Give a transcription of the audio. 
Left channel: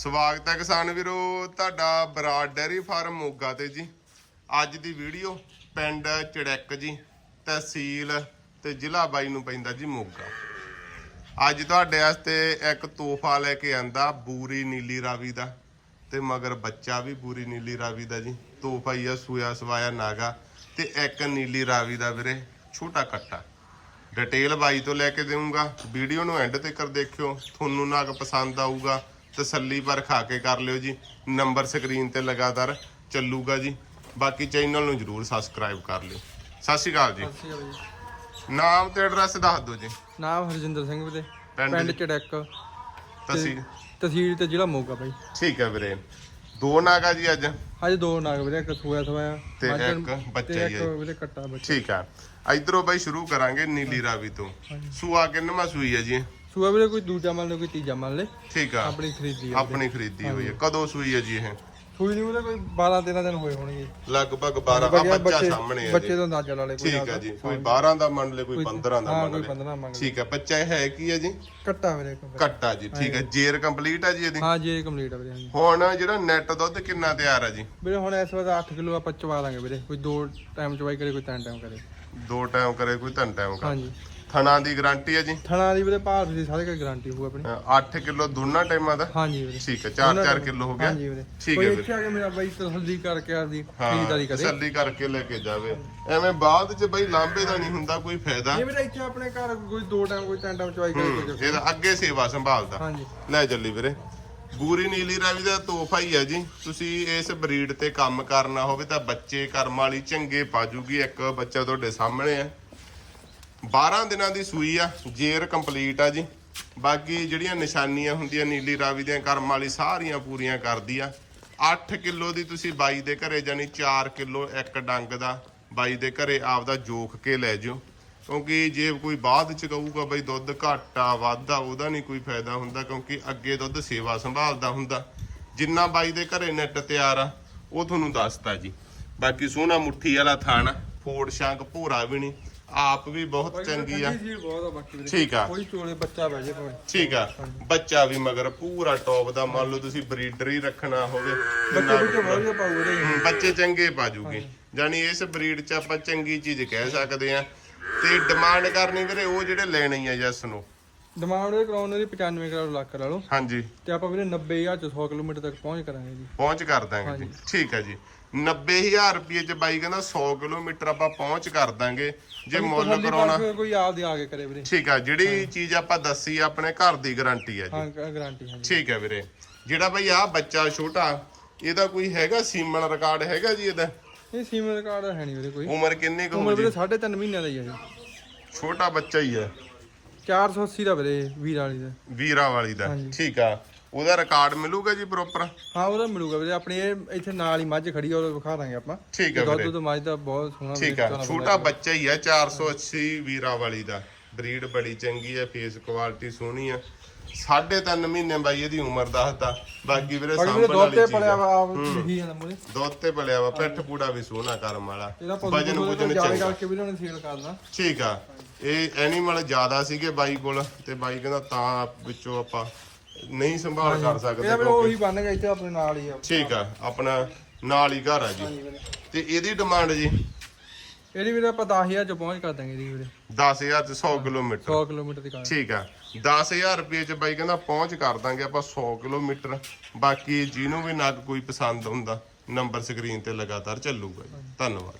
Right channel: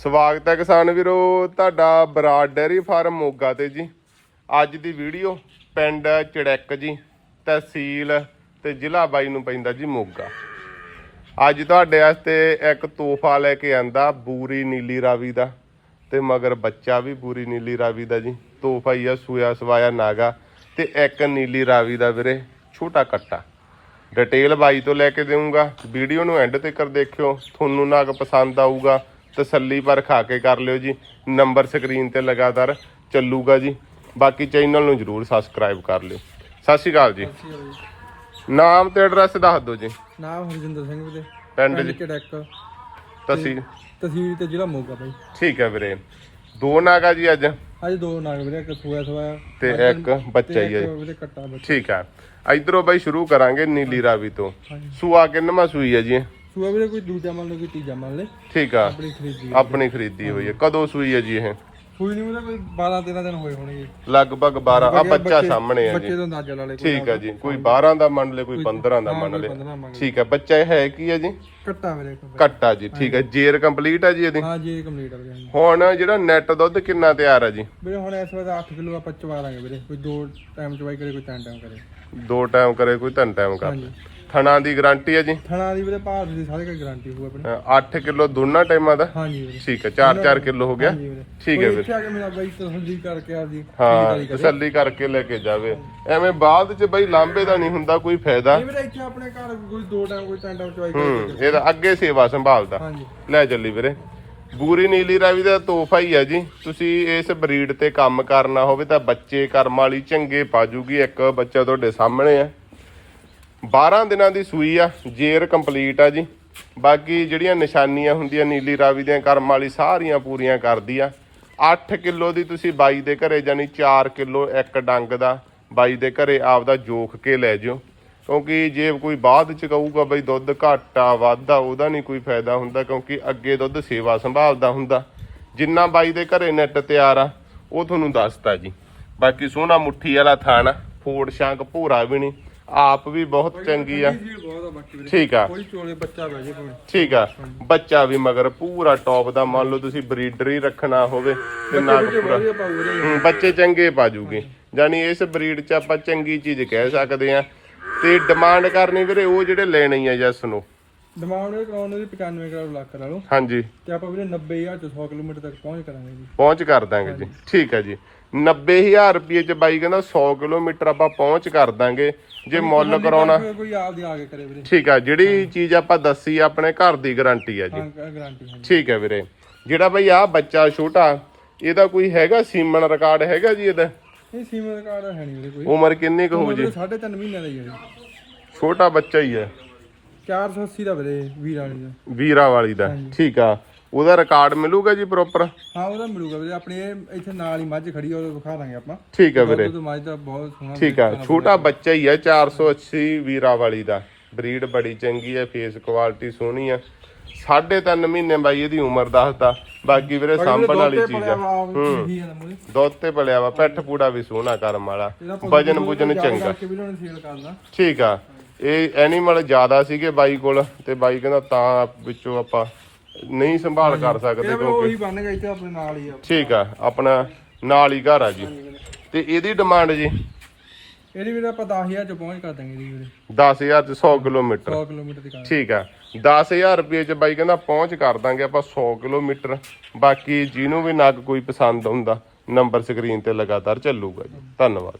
ਸਵਾਗਤ ਹੈ ਕਿਸਾਨ ਵੀਰੋ, ਤੁਹਾਡਾ ਬਰਾਡ ਡੈਰੀ ਫਾਰਮ ਮੋਗਾ ਤੇ ਜੀ। ਅੱਜ ਦੀ ਵੀਡੀਓ ਪਿੰਡ ਚੜੈਕ ਜੀ, ਤਹਿਸੀਲ ਤੇ ਜ਼ਿਲ੍ਹਾ ਬਾਈ ਨੂੰ ਪੈਂਦਾ ਜੀ ਮੋਗਾ। ਅੱਜ ਤੁਹਾਡੇ ਵਾਸਤੇ ਇੱਕ ਤੋਹਫਾ ਲੈ ਕੇ ਆਂਦਾ ਬੂਰੀ ਨੀਲੀ ਰਾਵੀ ਦਾ ਤੇ ਮਗਰ ਬੱਚਾ ਵੀ ਬੂਰੀ ਨੀਲੀ ਰਾਵੀ ਦਾ ਜੀ। ਤੋਹਫਾ ਹੀ ਆ, ਸੂਇਆ ਸਵਾਇਆ ਨਾਗਾ ਤੇ ਇੱਕ ਨੀਲੀ ਰਾਵੀ ਦਾ ਵੀਰੇ, ਛੋਟਾ ਕੱਟਾ। ਡਿਟੇਲ ਬਾਈ ਤੋਂ ਲੈ ਕੇ ਦੇਵਾਂਗਾ ਵੀਡੀਓ ਨੂੰ ਐਂਡ ਤੱਕ ਦੇਖਿਓ, ਤੁਹਾਨੂੰ ਨਾਗ ਪਸੰਦ ਆਊਗਾ। ਤਸੱਲੀ ਪਰ ਖਾ ਕੇ ਕਰ ਲਿਓ ਜੀ। ਨੰਬਰ ਸਕਰੀਨ ਤੇ ਲਗਾਤਾਰ ਚੱਲੂਗਾ ਜੀ। ਬਾਕੀ ਚੈਨਲ ਨੂੰ ਜਰੂਰ ਸਬਸਕ੍ਰਾਈਬ ਕਰ ਲਿਓ। ਸਤਿ ਸ਼੍ਰੀ ਅਕਾਲ ਜੀ। ਨਾਮ ਤੇ ਐਡਰੈਸ ਦੱਸ ਦਿਓ ਜੀ। ਨਾਮ ਹਰਜਿੰਦਰ ਸਿੰਘ ਵੀਰੇ। ਪਿੰਡ ਜੀ। ਚੜੈਕ ਤਸੀ ਤਹਿਸੀਲ ਤੇ ਜ਼ਿਲ੍ਹਾ ਮੋਗਾ ਬਾਈ। ਠੀਕ ਹੈ ਵੀਰੇ। ਦੋ ਨਾਗਾ ਜੀ ਅੱਜ। ਅੱਜ ਦੋ ਨਾਗ ਵੀਰੇ ਇੱਕ ਸੋਇਆ ਸਵਾਇਆ। ਤੇ ਇੱਕ ਬੱਚਾ ਹੀ ਹੈ। ਵੀਰੇ ਕੱਟਾ ਬੱਚਾ। ਠੀਕ ਹੈ। ਇਧਰੋਂ ਬਾਈ ਸ਼ੁਰੂ ਕਰਾਂਗੇ ਨੀਲੀ ਰਾਵੀ ਤੋਂ। ਸੂਆ ਕਿੰਨਵਾਂ ਸੂਈ ਹੈ ਜੀ ਸੂਆ ਵੀਰੇ ਕੋਈ ਦੂਜਾ ਮੰਨ ਲੈ ਕੋਈ ਤੀਜਾ ਮੰਨ ਲੈ ਠੀਕ ਆ। ਆਪਣੀ ਖਰੀਦੀ ਆਪਣੀ ਖਰੀਦੀ ਹੋਈ ਹੈ ਕਦੋਂ ਸੂਈ ਹੈ ਜੀ ਇਹ? ਸੂਈ ਨਹੀਂ ਵੀਰੇ ਕੋਈ 12 13 ਦਿਨ ਹੋਏ ਹੋਣਗੇ। ਲਗਭਗ 12 ਆ ਬੱਚਾ ਬੱਚੇ- ਸਾਹਮਣੇ ਆ ਬੱਚੇ ਜੀ ਤੋਂ ਅੰਦਾਜ਼ਾ ਲਾ ਲੈ ਠੀਕ ਹੈ ਜੀ। ਕੋਈ 12 ਦਾ ਮੰਨ ਲੈ ਕੋਈ 15 ਦਾ ਹਾਂ, ਮੰਨ ਲੈ 15 ਮੰਨ ਲੈ ਠੀਕ ਹੈ ਬੱਚਾ ਇਹ ਹੈ ਕੀ ਹੈ ਜੀ? ਕੱਟਾ ਵੀਰੇ। ਕੱਟਾ ਜੀ ਠੀਕ ਹੈ ਜੇਰ ਕੰਪਲੀਟ ਹੈ ਜੀ ਇਹਦੀ? ਹਾਂ ਜੀ ਕੰਪਲੀਟ ਆ ਵੀਰੇ। ਹੁਣ ਜਿਹੜਾ ਨੈਟ ਦੁੱਧ ਕਿੰਨਾ ਤਿਆਰ ਹੈ ਜੀ? ਵੀਰੇ ਹੁਣ ਇਸ ਵਾਰ 8 ਕਿਲੋ ਆਪਾਂ ਚਵਾ ਲਾਂਗੇ ਵੀਰੇ। ਕੋਈ ਦੋ ਟਾਈਮ ਚਵਾਈ ਕਰੇ ਕੋਈ ਤਿੰਨ ਟਾਈਮ ਕਰੇ। ਦੋ ਟਾਈਮ ਕਰੇ ਕੋਈ ਤਿੰਨ ਟਾਈਮ ਕਰ। ਥਣਾ ਦੀ ਗਾਰੰਟੀ ਹੈ ਜੀ? ਥਣਾ ਦੀ ਵੀਰੇ ਭਾਰ ਦੀ ਸਾਰੇ ਕੋਈ ਗਾਰੰਟੀ ਹੋਊ ਆਪਣੇ। 8 ਕਿਲੋ ਦੋਨਾਂ ਟਾਈਮਾਂ ਦਾ? ਹਾਂਜੀ ਵੀਰੇ। ਠੀਕ ਹੈ 4-4 ਕਿਲੋ ਹੋ ਗਿਆ? ਠੀਕ ਹੈ ਵੀਰੇ ਇੱਥੇ ਆ ਕੇ ਮੇਰਾ ਬਾਈ ਤਸੱਲੀ ਕਰਕੇ ਹਾਂ ਖਰੀਦਦਾਰੀ ਕਰੇ। ਤਸੱਲੀ ਕਰਕੇ ਲੈ ਕੇ ਜਾਵੇ। ਐਵੇਂ ਬਾਅਦ ਚ ਬਈ ਲਾਂਬੇ ਦਾ ਨਹੀਂ ਹੁੰਦਾ ਕੋਈ ਫਾਇਦਾ। ਇਹ ਵੀਰੇ ਇੱਥੇ ਆਪਣੇ ਘਰ ਕੋਈ ਦੋ ਟਾਈਮ ਕੋਈ ਤਿੰਨ ਟਾਈਮ ਚਵਾਈ ਹੂੰ ਕਰੇ ਇਹਦਾ ਅੱਗੇ ਸੇਵਾ ਸੰਭਾਲਦਾ। ਹਾਂਜੀ। ਲੈ ਚੱਲੀ ਵੀਰੇ। ਬੂਰੀ ਨੀਲੀ ਰਾਵੀ ਦਾ ਤੋਹਫਾ ਹੀ ਹੈ ਜੀ। ਤੁਸੀਂ ਇਸ ਬਰੀਡ ਤੇ ਕੰਮ ਕਰਨਾ ਹੋਵੇ ਤਾਂ ਬੱਚੇ ਕਰਮ ਵਾਲੀ ਚੰਗੇ ਪਾਜੂਗੀ। ਇੱਕ ਬੱਚਾ ਤੁਹਾਡੇ ਸਾਹਮਣੇ ਹੈ। 12 ਦਿਨਾਂ ਦੀ ਸੂਈ ਆ, ਜੇਰ ਕੰਪਲੀਟ ਆ ਜੀ। ਬਾਕੀ ਜਿਹੜੀਆਂ ਨਿਸ਼ਾਨੀਆਂ ਹੁੰਦੀਆਂ, ਨੀਲੀ ਰਾਵੀ ਦੀਆਂ, ਕਰਮ ਵਾਲੀ, ਸਾਰੀਆਂ ਪੂਰੀਆਂ ਕਰਦੀ ਆ। 8 ਕਿਲੋ ਦੀ ਤੁਸੀਂ ਬਾਈ ਦੇ ਘਰੇ ਜਾਨੀ 4 ਕਿਲੋ ਇੱਕ ਡੰਗ ਦਾ ਬਾਈ ਦੇ ਘਰੇ ਆਪਦਾ ਜੋਖ ਕੇ ਲੈ ਜਿਓ। ਕਿਉਂਕਿ ਜੇ ਕੋਈ ਬਾਅਦ ਚ ਕਹੂਗਾ ਬਈ ਦੁੱਧ ਘਾਟਾ ਵਾਧਾ ਉਹਦਾ ਨਹੀਂ ਕੋਈ ਫਾਇਦਾ ਹੁੰਦਾ, ਕਿਉਂਕਿ ਅੱਗੇ ਦੁੱਧ ਸੇਵਾ ਸੰਭਾਲਦਾ ਹੁੰਦਾ। ਜਿੰਨਾ ਬਾਈ ਦੇ ਘਰੇ ਨੈਟ ਤਿਆਰ ਆ, ਉਹ ਤੁਹਾਨੂੰ ਦੱਸਤਾ ਜੀ। ਬਾਕੀ ਸੋਹਣਾ ਮੁੱਠੀ ਵਾਲਾ ਥਾਣਾ ਫੋੜ ਸ਼ਾਂਕ ਭੂਰਾ ਵੀ ਨਹੀਂ। ਆਪ ਵੀ ਬਹੁਤ ਚੰਗੀ ਆ। ਆ ਠੀਕ ਆ। ਕੋਈ ਚੋਲੇ ਬੱਚਾ ਬਹਿ ਜੇ ਕੋਈ ਠੀਕ ਆ। ਬੱਚਾ ਵੀ ਮਗਰ ਪੂਰਾ ਟੌਪ ਦਾ ਮੰਨ ਲਓ ਤੁਸੀਂ ਬਰੀਡਰ ਹੀ ਰੱਖਣਾ ਹੋਵੇ ਤੇ ਨਾਲ ਪੂਰਾ ਬੱਚੇ ਚੰਗੇ ਪਾਜੂਗੇ ਯਾਨੀ ਇਸ ਬਰੀਡ 'ਚ ਆਪਾਂ ਚੰਗੀ ਚੀਜ਼ ਕਹਿ ਸਕਦੇ ਆ। ਤੇ ਡਿਮਾਂਡ ਕਰਨੀ ਵੀਰੇ ਉਹ ਜਿਹੜੇ ਲੈਣੇ ਆ ਜਸ ਨੂੰ ਡਿਮਾਂਡ ਇਹ ਕਰਾਉਣ ਦੀ 95 ਕਰੋੜ ਲੱਖ ਕਰਾ ਲਓ। ਹਾਂਜੀ। ਤੇ ਆਪਾਂ ਵੀਰੇ 90000 ਚ 100 ਕਿਲੋਮੀਟਰ ਤੱਕ ਪਹੁੰਚ ਕਰਾਂਗੇ ਜੀ। ਪਹੁੰਚ ਕਰ ਦਾਂਗੇ ਜੀ। ਠੀਕ ਹੈ ਜੀ। 90000 ਰੁਪਏ 'ਚ ਬਾਈ ਕਹਿੰਦਾ 100 ਕਿਲੋਮੀਟਰ ਆਪਾਂ ਪਹੁੰਚ ਕਰ ਦਾਂਗੇ ਜੇ ਮੁੱਲ ਕਰਾਉਣਾ। ਕੋਈ ਆਪਦੀ ਆ ਕੇ ਕਰੇ ਵੀਰੇ। ਠੀਕ ਆ ਜਿਹੜੀ ਚੀਜ਼ ਆਪਾਂ ਦੱਸੀ ਆਪਣੇ ਘਰ ਦੀ ਗਾਰੰਟੀ ਆ ਜੀ। ਹਾਂ ਗਾਰੰਟੀ ਠੀਕ ਹੈ ਵੀਰੇ। ਜਿਹੜਾ ਬਈ ਆ ਬੱਚਾ ਛੋਟਾ ਇਹਦਾ ਕੋਈ ਹੈਗਾ ਸੀਮਨ ਰਿਕਾਰਡ ਹੈਗਾ ਜੀ ਇਹਦਾ? ਇਹ ਸੀਮਨ ਕਾਰਡ ਹੈ ਨਹੀਂ ਵੀਰੇ ਕੋਈ। ਉਮਰ ਕਿੰਨੀ ਕੁ ਹੋ ਜੀ? ਵੀਰੇ 3.5 ਮਹੀਨਿਆਂ ਦਾ ਹੀ ਆ ਜੀ। ਛੋਟਾ ਬੱਚਾ ਹੀ ਹੈ। 480 ਦਾ ਵੀਰੇ ਵੀਰ ਵਾਲੀ ਦਾ। ਵੀਰਾ ਵਾਲੀ ਦਾ। ਠੀਕ ਆ। ਉਹਦਾ ਰਿਕਾਰਡ ਮਿਲੂਗਾ ਜੀ ਪ੍ਰੋਪਰ ਹਾਂ ਉਹਦਾ ਮਿਲੂਗਾ ਵੀਰੇ। ਆਪਣੀ ਇਹ ਇੱਥੇ ਨਾਲ ਹੀ ਮੱਝ ਖੜੀ ਆ ਉਹ ਵਿਖਾ ਦਾਂਗੇ ਆਪਾਂ। ਠੀਕ ਹੈ ਵੀਰੇ। ਦੁੱਧ ਤੋਂ ਮੱਝ ਦਾ ਬਹੁਤ ਸੋਹਣਾ ਠੀਕ ਆ। ਛੋਟਾ ਬੱਚਾ ਹੀ ਹੈ 480 ਵੀਰਾ ਵਾਲੀ ਦਾ। ਬਰੀਡ ਬੜੀ ਚੰਗੀ ਹੈ ਫੇਸ ਕੁਆਲਿਟੀ ਸੋਹਣੀ ਆ। ਸਾਢੇ ਮਹੀਨੇ ਬਾਈ ਇਹਦੀ ਉਮਰ ਦੱਸਦਾ। ਬਾਕੀ ਵੀਰੇ ਸਾਂਭਣ ਵਾਲੀ ਚੀਜ਼ ਆ। ਹੂੰ। ਦੁੱਧ ਤੇ ਪਲਿਆ ਵਾ ਪੈਠ ਪੂੜਾ ਵੀ ਸੋਹਣਾ ਕਰਮ ਵਾਲਾ। ਵਜਨ ਵੁਜਨ ਚੰਗਾ। ਠੀਕ ਆ। ਇਹ ਐਨੀਮਲ ਜ਼ਿਆਦਾ ਸੀਗੇ ਬਾਈ ਕੋਲ ਤੇ ਬਾਈ ਕਹਿੰਦਾ ਤਾਂ ਵਿੱਚੋਂ ਆਪਾਂ ਨਹੀਂ ਸੰਭਾਲ ਕਰ ਸਕਦੇ ਕਿਉਂਕਿ ਉਹੀ ਬਣ ਗਿਆ ਇੱਥੇ ਆਪਣੇ ਨਾਲ ਹੀ ਆ। ਠੀਕ ਆ ਆਪਣਾ ਨਾਲ ਹੀ ਘਰ ਆ ਜੀ। ਤੇ ਇਹਦੀ ਡਿਮਾਂਡ ਜੀ? ਇਹਦੀ ਵੀਰੇ ਆਪਾਂ 10000 ਚ ਪਹੁੰਚ ਕਰ ਦਾਂਗੇ ਇਹਦੀ ਵੀਰੇ। 10000 ਤੇ 100 ਕਿਲੋਮੀਟਰ। 100 ਕਿਲੋਮੀਟਰ ਦੀ ਕਾਰ ਠੀਕ ਆ 10000 ਰੁਪਏ ਚ ਬਾਈ ਕਹਿੰਦਾ ਪਹੁੰਚ ਕਰ ਦਾਂਗੇ ਆਪਾਂ 100 ਕਿਲੋਮੀਟਰ। ਬਾਕੀ ਜਿਹਨੂੰ ਵੀ ਨਗ ਕੋਈ ਪਸੰਦ ਹੁੰਦਾ ਨੰਬਰ ਸਕਰੀਨ ਤੇ ਲਗਾਤਾਰ ਚੱਲੂਗਾ ਜੀ। ਧੰਨਵਾਦ।